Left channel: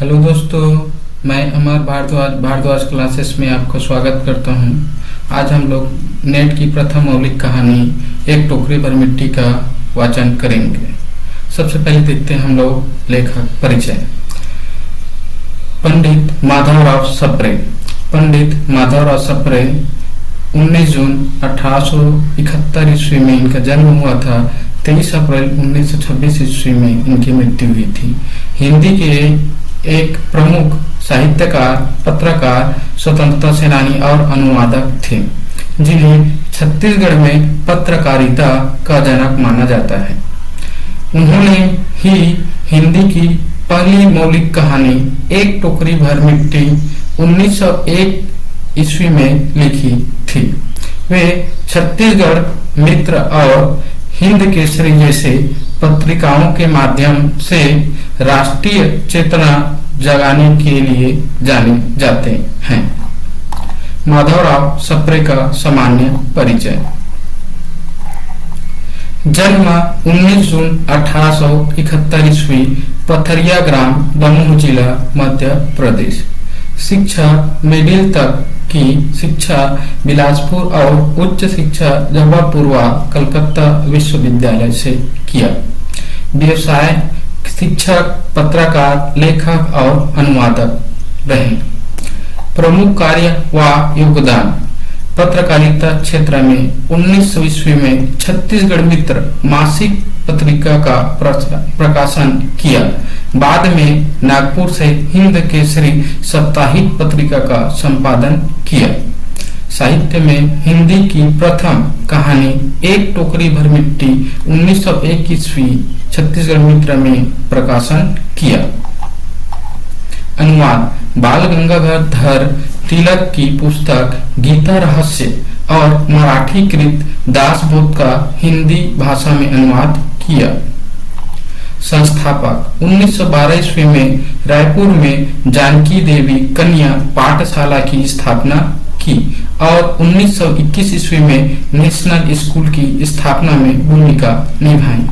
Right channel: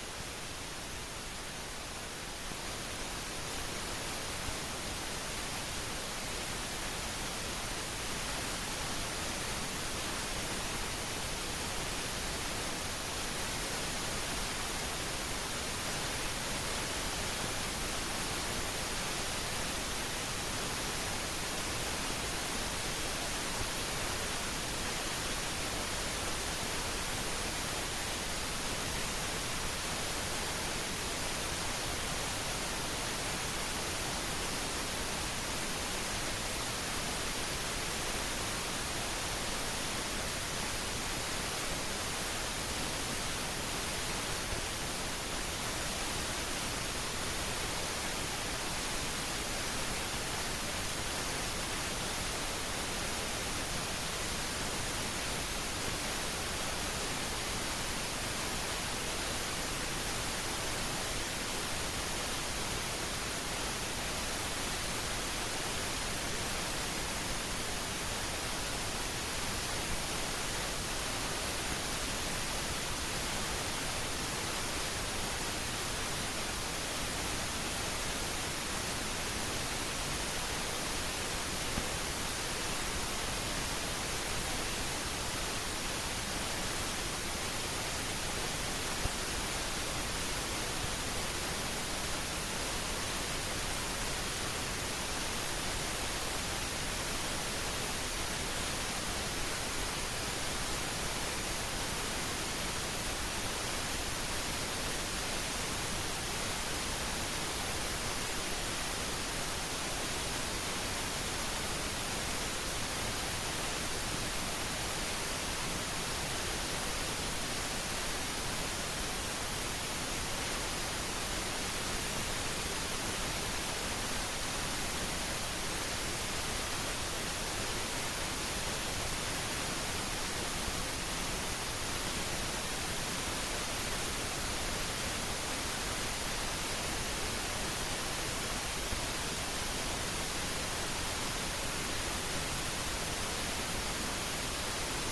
Hello दोस्तों, मैं अमर Bhardwaj classes में आपका स्वागत करता हूं। आज हम लोग नेट की प्रथम मौलिक कहानी एक टोकरी भर मिट्टी का वाचन करेंगे। सबसे पहले देखते हैं हम लोग लेखक परिचय। पंडित माधवराव सप्रे। पंडित माधवराव सप्रे 19 जून 1871 ईस्वी में इनका जन्म हुआ था। 23 अप्रैल 1926 ईस्वी में इनकी मृत्यु हुई थी। हिंदी के एक प्रमुख साहित्यकार, पत्रकार, स्वतंत्रता सेनानी और अनुवादक थे, जिन्हें छत्तीसगढ़ में पत्रकारिता का जनक माना जाता है। उन्होंने ही हिंदी की पहली मौलिक कहानी एक टोकरी भर मिट्टी 1901 ईस्वी में लिखी थी। वे छत्तीसगढ़ मित्र और हिंद केसरी जैसे पत्रिकाओं के माध्यम से राष्ट्रीय चेतना जगाने के लिए जाने जाते हैं। माधवराव सप्रे का सामान्य परिचय। जन्म 19 जून 1871 ईस्वी, पथरिया ग्राम, दमोह जिला, मध्य प्रदेश। शिक्षा मिडिल तक की शिक्षा बिलासपुर और उच्च शिक्षा जबलपुर व कलकत्ता विश्वविद्यालय से किया। व्यवसाय शिक्षक, पत्रकार, लेखक और अनुवादक रहे। प्रमुख कार्य व योगदान। पत्रकारिता क्षेत्र में 1900 ईस्वी में छत्तीसगढ़ मित्र मासिक पत्रिका का प्रकाशन किया। बाद में नागपुर से हिंद केसरी साप्ताहिक पत्रिका का संपादन किया। साहित्य में हिंदी की प्रथम कहानी एक टोकरी भर मिट्टी 1901 ईस्वी छत्तीसगढ़ मित्र में प्रकाशन किया। अनुवाद। बाल गंगाधर तिलक की पुस्तक गीता रहस्य और मराठी कृत दासबोध का हिंदी भाषा में अनुवाद किया। संस्थापक। 1912 ईस्वी में रायपुर में जानकी देवी कन्या पाठशाला की स्थापना की और 1921 ईस्वी में नेशनल स्कूल की स्थापना में भूमिका निभाई।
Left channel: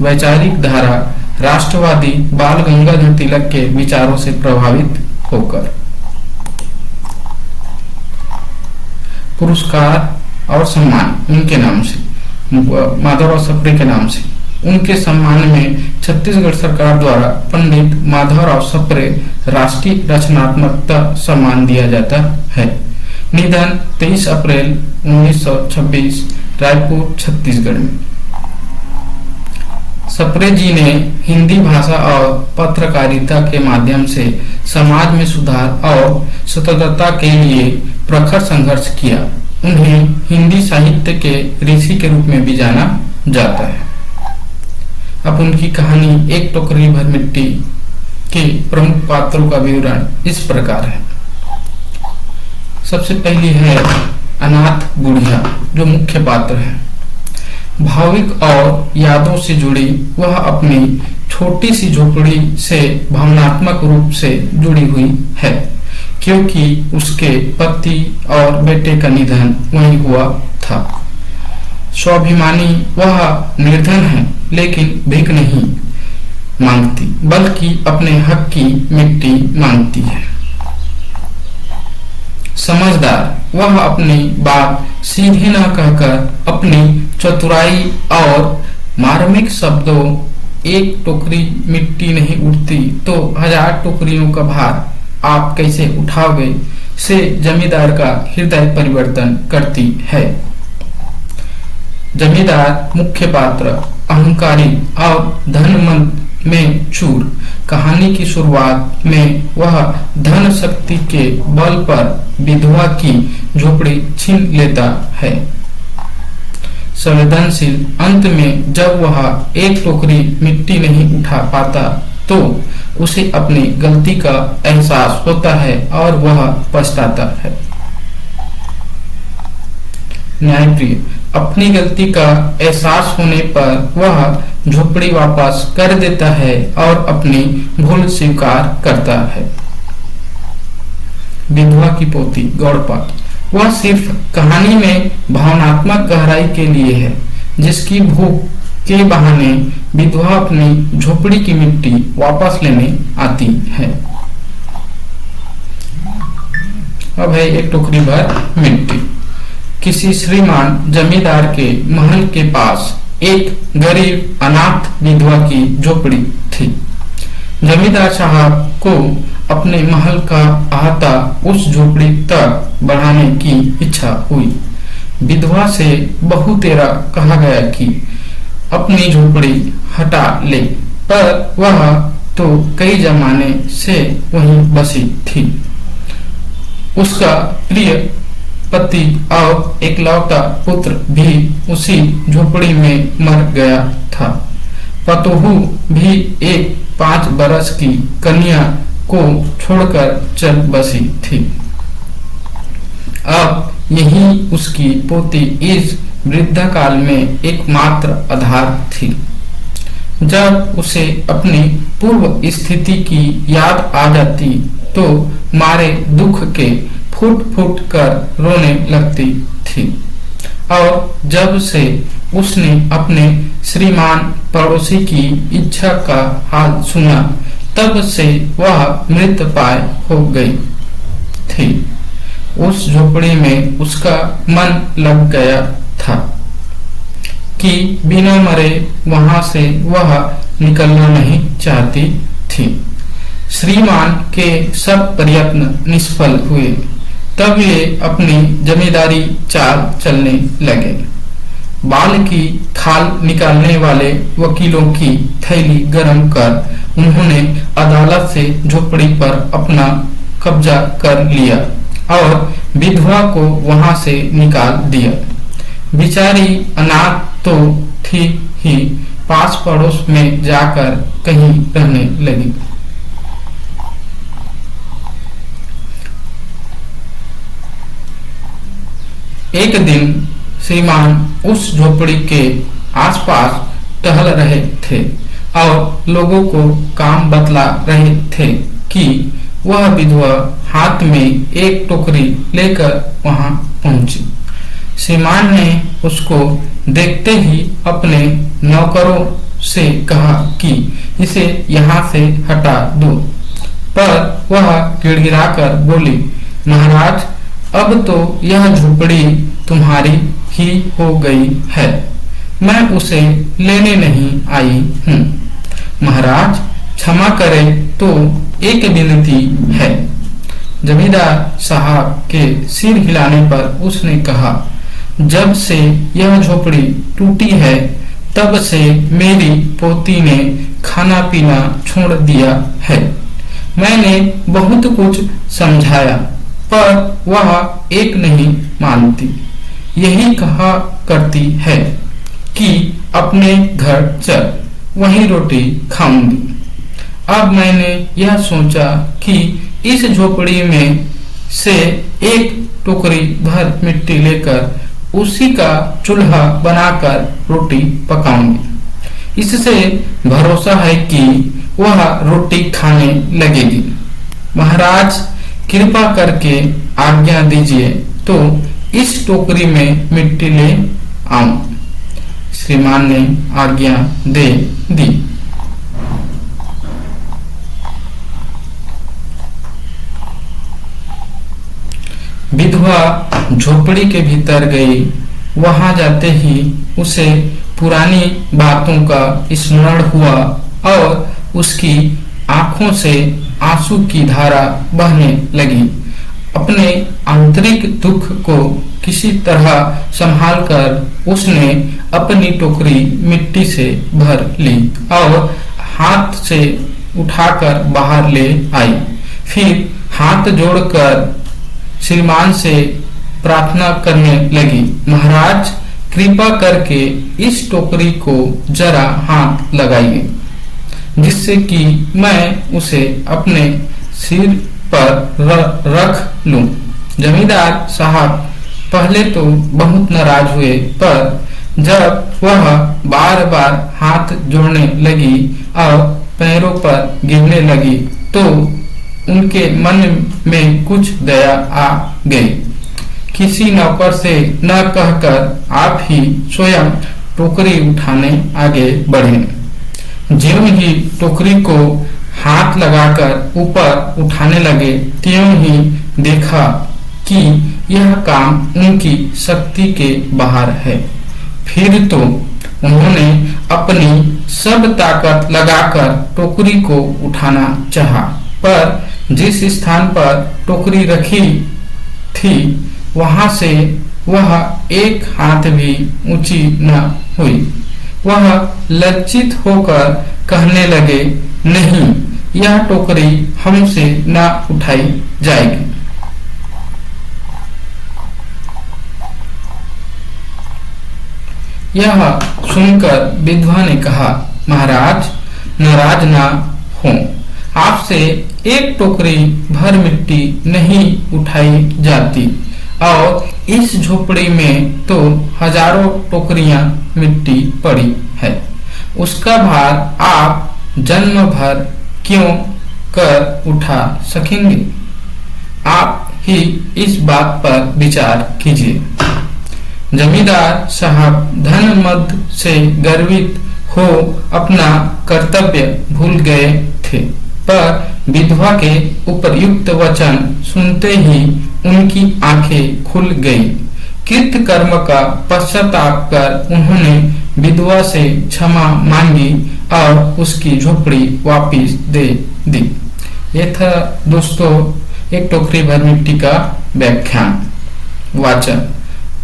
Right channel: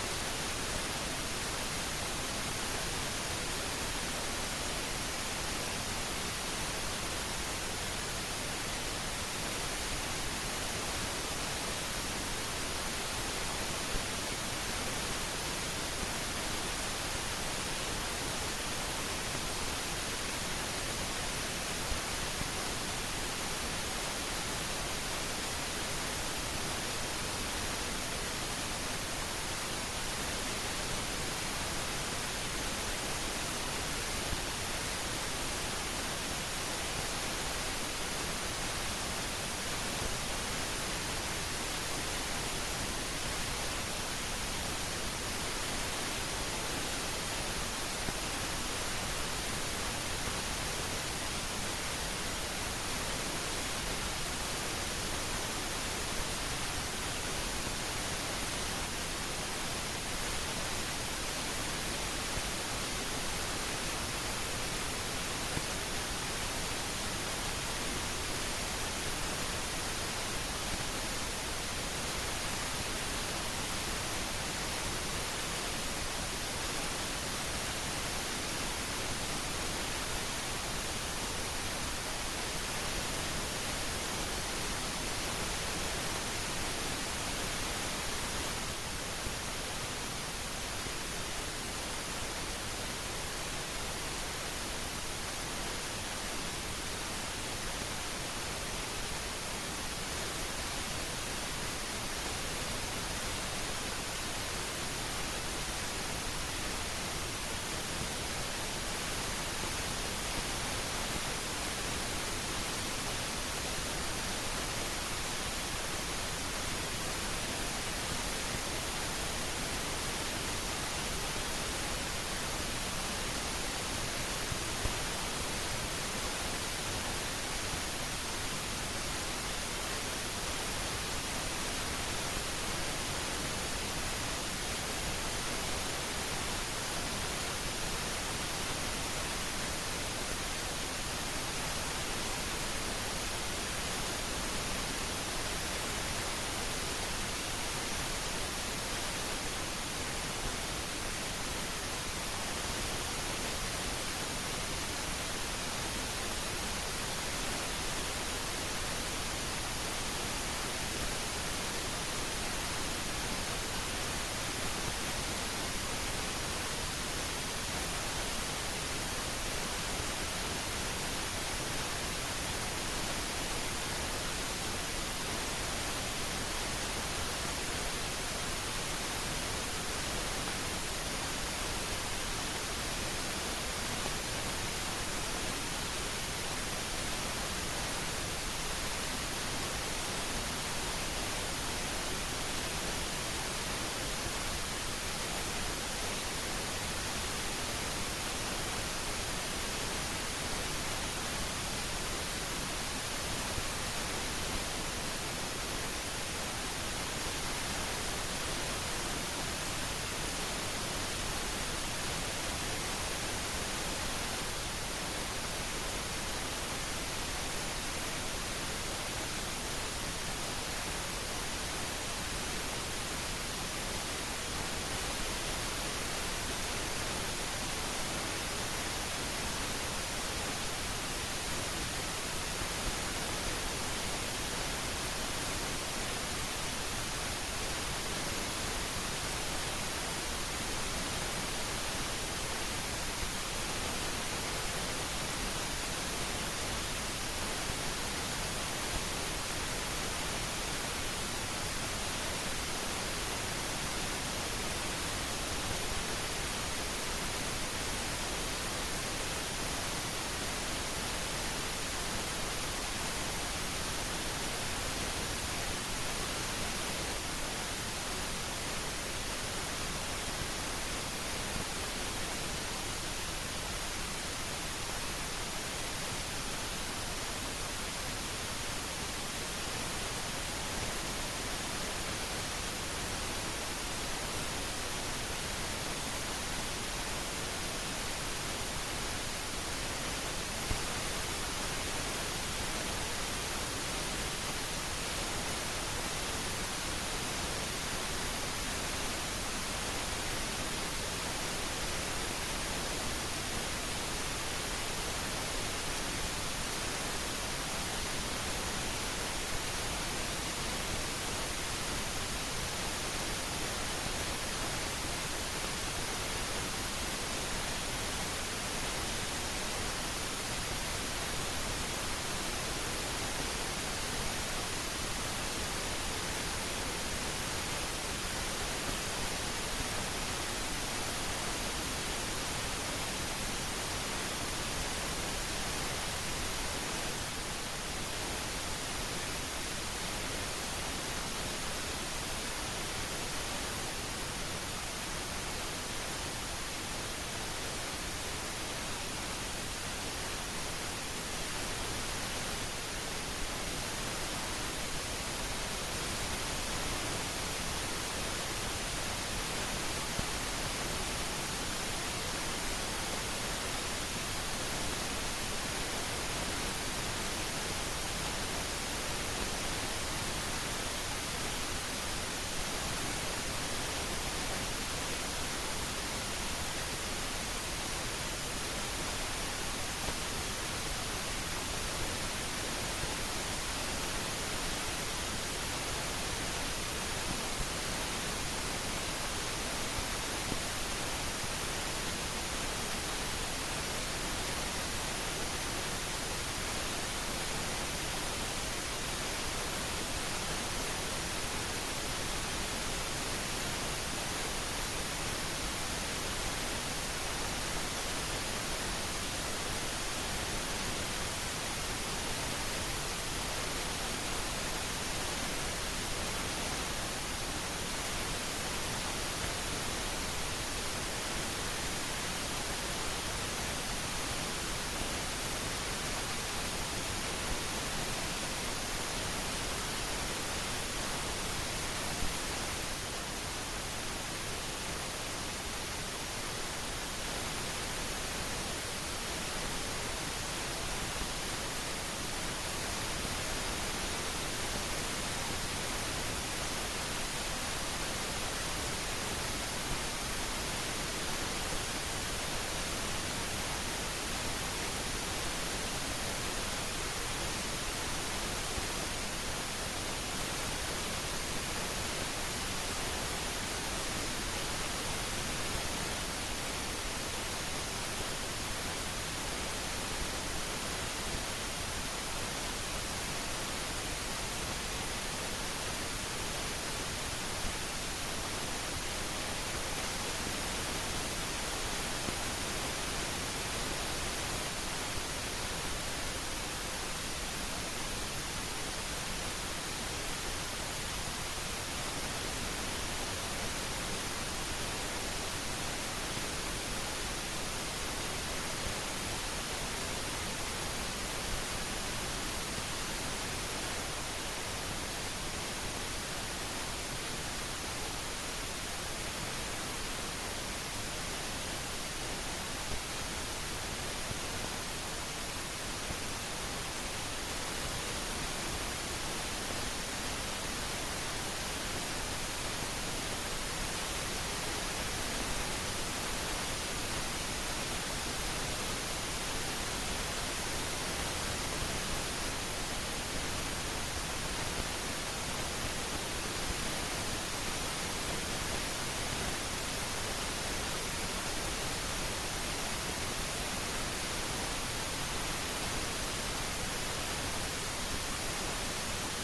वैचारिक धारा। राष्ट्रवादी बाल गंगाधर तिलक के विचारों से प्रभावित होकर। पुरस्कार और सम्मान उनके नाम से, माधवराव सप्रे के नाम से। उनके सम्मान में छत्तीसगढ़ सरकार द्वारा पंडित माधवराव सप्रे राष्ट्रीय रचनात्मकता सम्मान दिया जाता है। निधन 23 अप्रैल 1926, रायपुर, छत्तीसगढ़ में। सप्रे जी ने हिंदी भाषा और पत्रकारिता के माध्यम से समाज में सुधार और स्वतंत्रता के लिए प्रखर संघर्ष किया। उन्हें हिंदी साहित्य के ऋषि के रूप में भी जाना जाता है। अब उनकी कहानी एक टोकरी भर मिट्टी के प्रमुख पात्रों का विवरण इस प्रकार है। सबसे पहली है अनाथ बुढ़िया, जो मुख्य पात्र है। भाविक और यादों से जुड़ी वह अपनी छोटी सी झोपड़ी से भावनात्मक रूप से जुड़ी हुई है, क्योंकि उसके पति और बेटे का निधन वहीं हुआ था। स्वाभिमानी वह निर्धन है, लेकिन भीख नहीं मांगती, बल्कि अपने हक की मिट्टी मांगती है। समझदार वह अपनी बात सीधे न कहकर अपनी चतुराई और मार्मिक शब्दों एक टोकरी मिट्टी नहीं उठती तो 1000 टोकरियों का भार आप कैसे उठाओगे से जमींदार का हृदय परिवर्तन करती है। जमींदार मुख्य पात्र अहंकारी और धनमंद में चूर। कहानी की शुरुआत में वह धन शक्ति के बल पर विधवा की झोपड़ी छीन लेता है। संवेदनशील अंत में जब वह एक टोकरी मिट्टी नहीं उठा पाता तो उसे अपनी गलती का एहसास होता है और वह पछताता है। न्यायप्रिय अपनी गलती का एहसास होने पर वह झोपड़ी वापस कर देता है और अपनी भूल स्वीकार करता है। विधवा की पोती गौड़पाल वह सिर्फ कहानी में भावनात्मक गहराई के लिए है, जिसकी भूख के बहाने विधवा अपनी झोपड़ी की मिट्टी वापस लेने आती है। अब है एक टोकरी भर मिट्टी। किसी श्रीमान जमींदार के महल के पास एक गरीब अनाथ विधवा की झोपड़ी थी। जमींदार साहब को अपने महल का अहाता उस झोपड़ी तक बढ़ाने की इच्छा हुई। विधवा से बहुतेरा कहा गया कि अपनी झोपड़ी हटा ले, पर वह तो कई जमाने से वहीं बसी थी। उसका प्रिय पति और एकलौता पुत्र भी उसी झोपड़ी में मर गया था। पतोहू भी एक 5 बरस की कन्या को छोड़कर चल बसी थी। अब यही उसकी पोती इस वृद्धा काल में एकमात्र आधार थी। जब उसे अपनी पूर्व स्थिति की याद आ जाती तो मारे दुख के फूट फूट कर रोने लगती थी। और जब से उसने अपने श्रीमान पड़ोसी की इच्छा का हाल सुना, तब से वह मृतप्राय हो गई थी। उस झोपड़ी में उसका मन लग गया था कि बिना मरे वहां से वह निकलना नहीं चाहती थी। श्रीमान के सब प्रयत्न निष्फल हुए। तब ये अपनी जमींदारी चाल चलने लगे। बाल की खाल निकालने वाले वकीलों की थैली गरम कर उन्होंने अदालत से झोपड़ी पर अपना कब्जा कर लिया और विधवा को वहां से निकाल दिया। बिचारी अनाथ तो थी ही, पास पड़ोस में जाकर कहीं रहने लगी। एक दिन श्रीमान उस झोपड़ी के आसपास टहल रहे थे और लोगों को काम बतला रहे थे कि वह विधवा हाथ में एक टोकरी लेकर वहां पहुंची। श्रीमान ने उसको देखते ही अपने नौकरों से कहा कि इसे यहाँ से हटा दो, पर वह गिड़गिड़ाकर बोली, महाराज, अब तो यह झोपड़ी तुम्हारी ही हो गई है, मैं उसे लेने नहीं आई हूँ। महाराज क्षमा करें तो एक विनती है। जमींदार साहब के सिर हिलाने पर उसने कहा, जब से यह झोपड़ी टूटी है तब से मेरी पोती ने खाना पीना छोड़ दिया है। मैंने बहुत कुछ समझाया पर वह एक नहीं मानती। यही कहा करती है कि अपने घर चल, वहीं रोटी खाऊंगी। अब मैंने यह सोचा कि इस झोपड़ी में से एक टोकरी भर मिट्टी लेकर उसी का चूल्हा बनाकर रोटी पकाऊंगी। इससे भरोसा है कि वह रोटी खाने लगेगी। महाराज कृपा करके आज्ञा दीजिए तो इस टोकरी में मिट्टी ले आऊं। श्रीमान ने आज्ञा दे दी। विधवा झोपड़ी के भीतर गई। वहां जाते ही उसे पुरानी बातों का स्मरण हुआ और उसकी आंखों से आंसू की धारा बहने लगी। अपने आंतरिक दुख को किसी तरह संभालकर उसने अपनी टोकरी मिट्टी से भर ली और हाथ से उठाकर बाहर ले आई। फिर हाथ जोड़कर श्रीमान से प्रार्थना करने लगी, महाराज कृपा करके इस टोकरी को जरा हाथ लगाइए, जिससे कि मैं उसे अपने सिर पर रख लूं। जमींदार साहब पहले तो बहुत नाराज हुए, पर जब वह बार बार हाथ जोड़ने लगी और पैरों पर गिरने लगी तो उनके मन में कुछ दया आ गई। किसी नौकर से न कहकर आप ही स्वयं टोकरी उठाने आगे बढ़े। ज्यों ही टोकरी को हाथ लगाकर ऊपर उठाने लगे, त्यों ही देखा कि यह काम उनकी शक्ति के बाहर है। फिर तो उन्होंने अपनी सब ताकत लगाकर टोकरी को उठाना चाहा, पर जिस स्थान पर टोकरी रखी थी वहां से वह एक हाथ भी ऊंची न हुई। वह लज्जित होकर कहने लगे, नहीं, यह टोकरी हमसे न उठाई जाएगी। यह सुनकर विधवा ने कहा, महाराज, नाराज ना हो, आपसे एक टोकरी भर मिट्टी नहीं उठाई जाती और इस झोपड़ी में तो हजारों टोकरियां मिट्टी पड़ी है। उसका भार आप जन्म भर क्यों कर उठा सकेंगे? आप ही इस बात पर विचार कीजिए। जमींदार साहब धन मद से गर्वित हो अपना कर्तव्य भूल गए थे, पर विधवा के उपयुक्त वचन सुनते ही उनकी आंखें खुल गई। कृत कर्म का पश्चाताप कर उन्होंने विधवा से क्षमा मांगी और उसकी झोपड़ी वापस दे दी। ये था दोस्तों एक टोकरी भर मिट्टी का व्याख्यान वाचन।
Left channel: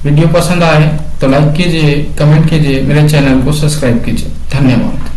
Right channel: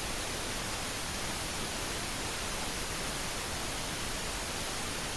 वीडियो पसंद आए तो लाइक कीजिए, कमेंट कीजिए, मेरे चैनल को सब्सक्राइब कीजिए। धन्यवाद।